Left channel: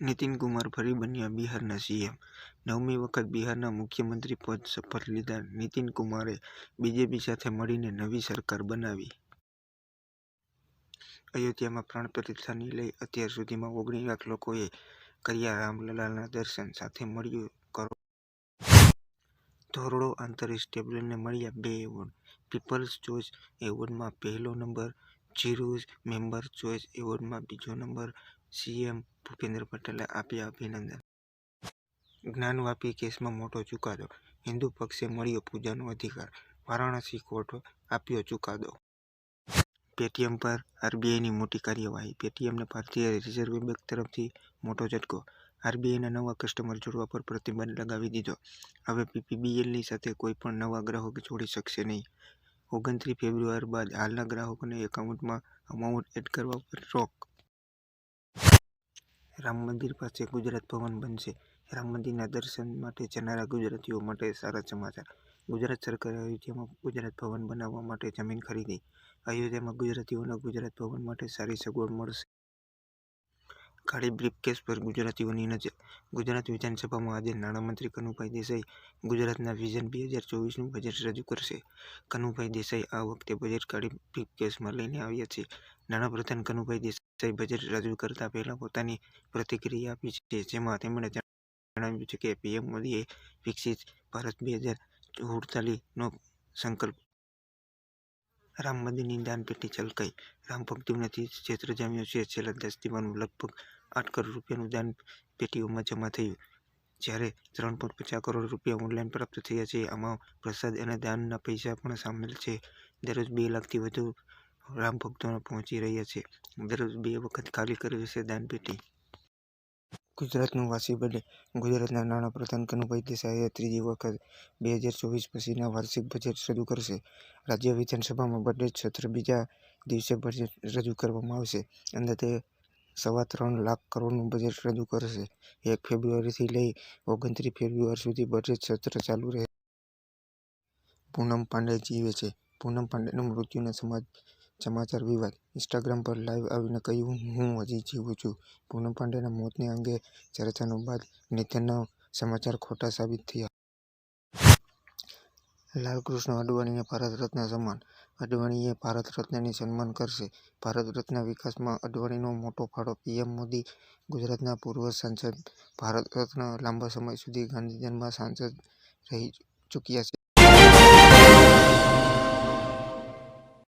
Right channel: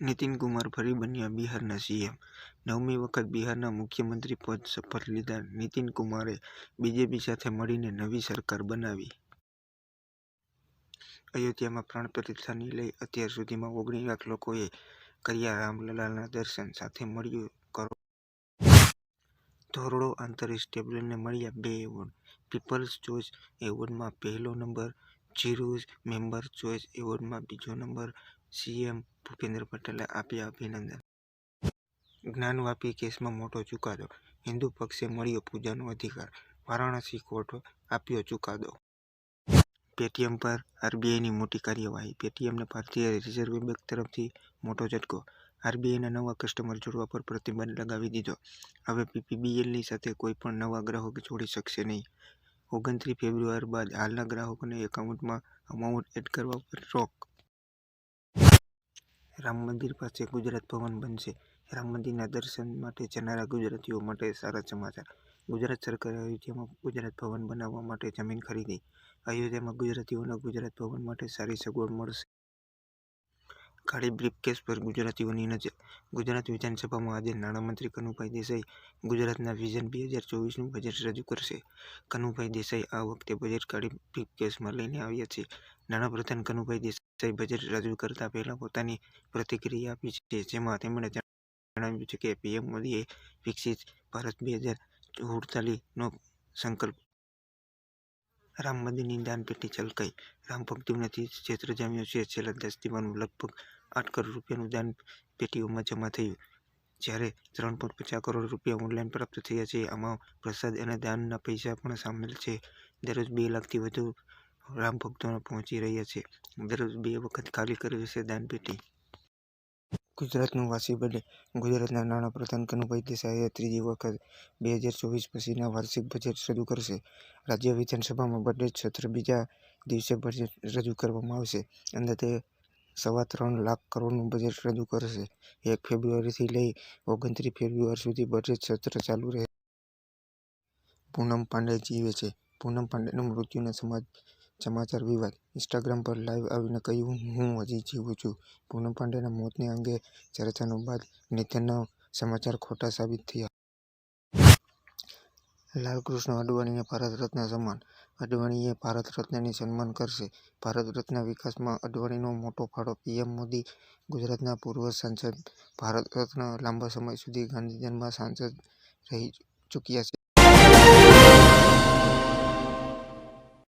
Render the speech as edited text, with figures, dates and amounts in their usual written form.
નીતિન કુમાર ફરી બન્યા બિહારના સીએમ। 9મી વખત બિહારના મુખ્યમંત્રી પદ શપથ લીધા નીતિન કુમારે બીજેપી સાથે મળીને નવી સરકાર બનાવી। અયોધ્યામાં પ્રાણ પ્રતિષ્ઠાથી લઈ અત્યાર સુધીમાં 19 લાખ લોકોએ કર્યા રામલલાના દર્શન, સાથે મળ્યું કરોડો। ધોરડો આંતરરાષ્ટ્રીય ટેબ્લોને મળ્યા 2 એવોર્ડ। પીપલ્સ ચોઇસ એવોર્ડમાં પહેલો નંબર, ઝીરોઝ મેમ્બર ચોઇસ એવોર્ડમાં બીજો નંબર। સીએમ ભૂપેન્દ્ર પટેલે આપ્યા અભિનંદન। જ્ઞાનવાપી કેસમાં મોટો ચુકાદો, હિન્દુ પક્ષે મળ્યો પૂજાનો અધિકાર, વારાણસી કોર્ટે આપ્યો ચુકાદો। પેટીએમ પર આરબીઆઈની મોટી કાર્યવાહી, પેટીએમને ભારતીય રિઝર્વ બેંક તરફથી મોટો ઝટકો, આરબીઆઈના નવા કસ્ટમર જોડવા પર પ્રતિબંધ લગાવી દીધો। હવે પીપીબીએલની સાથે કોઈ પણ નવા ગ્રાહક જોડી શકશે નહીં। 29 ફેબ્રુઆરી બાદ હાલના ગ્રાહકોને એકાઉન્ટમાં અમાઉન્ટ એડ કરવા પર રોક। રામ મંદિર પાસે ગુજરાત ભવન બનશે, રામ મંદિરના દર્શન માટે જનારા ગુજરાતીઓ માટે સારા સમાચાર। ગુજરાત સરકારે અયોધ્યામાં ગુજરાત ભવન બનાવવા માટે જમીન ખરીદી, અયોધ્યામાં ગુજરાતીઓને ગુજરાત ભવન માટે સારી સગવડ મળશે। કાળી બ્રીફકેસ પર ગુજરાતીઓની નજર, ગુજરાત વિધાનસભામાં આજે નાણામંત્રી કનુભાઈ દેસાઈ ગુજરાતના વિઝન 2024નું બજેટ રજૂ કરશે। કનુભાઈ દેસાઈ આ વખતે બજેટ કાળી બ્રીફકેસમાં લઈને આવ્યા છે। નાણાપ્રધાન કનુભાઈ દેસાઈ બજેટ રજૂ કરતા પહેલા પોતાની પ્રતિક્રિયા આપી છે, જેમાં તેમણે જણાવ્યું છે કે પીએમ મોદીએ વિકસિત ભારત 2047નો સંકલ્પ। રામ મંદિરની દાનપેટી છલકાઈ, રામ ભક્તોથી ક્ષેત્ર જામ્યું છે। છેલ્લા 10 દિવસમાં લગભગ 8 કરોડ રૂપિયાનું દાન પેટીઓમાં જમા થયું, જ્યારે 3.50 કરોડ રૂપિયા ઓનલાઈન પ્રાપ્ત થયા છે। આમાં પ્રસાદ અને દાનના પૈસા પણ સામેલ છે। દરરોજ 2 લાખથી વધુ રામ ભક્તો પહોંચી રહ્યા છે। દરરોજ 2 વખત ખાલી કરશે દાનપેટી। ગુજરાતનું વાસી બર્થડે, ગુજરાતના નાણાપ્રધાન કનુભાઈ દેસાઈએ ત્રીજી વખત 2024 પછીના વાર્ષિક બજેટ રજૂ કરશે। રાજ્ય વિધાનસભામાં બજેટ સત્ર બીજા દિવસે બજેટ રજૂ કરવામાં આવશે। અંદાજે 3.25 લાખ કરોડનું બજેટ રજૂ કરશે। 1 ફેબ્રુઆરીથી લઈ 29 ફેબ્રુઆરી સુધી બજેટ સત્ર ચાલુ રહેશે। પૂનમ પાંડે જીવે છે, પૂનમ પાંડેના મૃત્યુના સમાચાર વિવાદ, ઇન્સ્ટાગ્રામ પર લાઈવ આવીને કહ્યું, હું હજી જીવું છું। પૂનમ પાંડેના મોતને અંગે ચર્ચાઓ બાદ નિધનના સમાચાર ખોટા સાબિત થયા। લાલકૃષ્ણ અડવાણીને ભારત રત્ન સન્માન, અડવાણીએ ભારત રત્નથી સન્માન કરશે। ભારત રત્ન વિકાસમાં અડવાણીનો મોટો ફાળો, પીએમ મોદી ગુજરાતના પૂર્વ સાંસદ ભારત રત્ન લાંબા સમય સુધી ગાંધીનગરમાં સાંસદ રહી ચૂક્યા છે।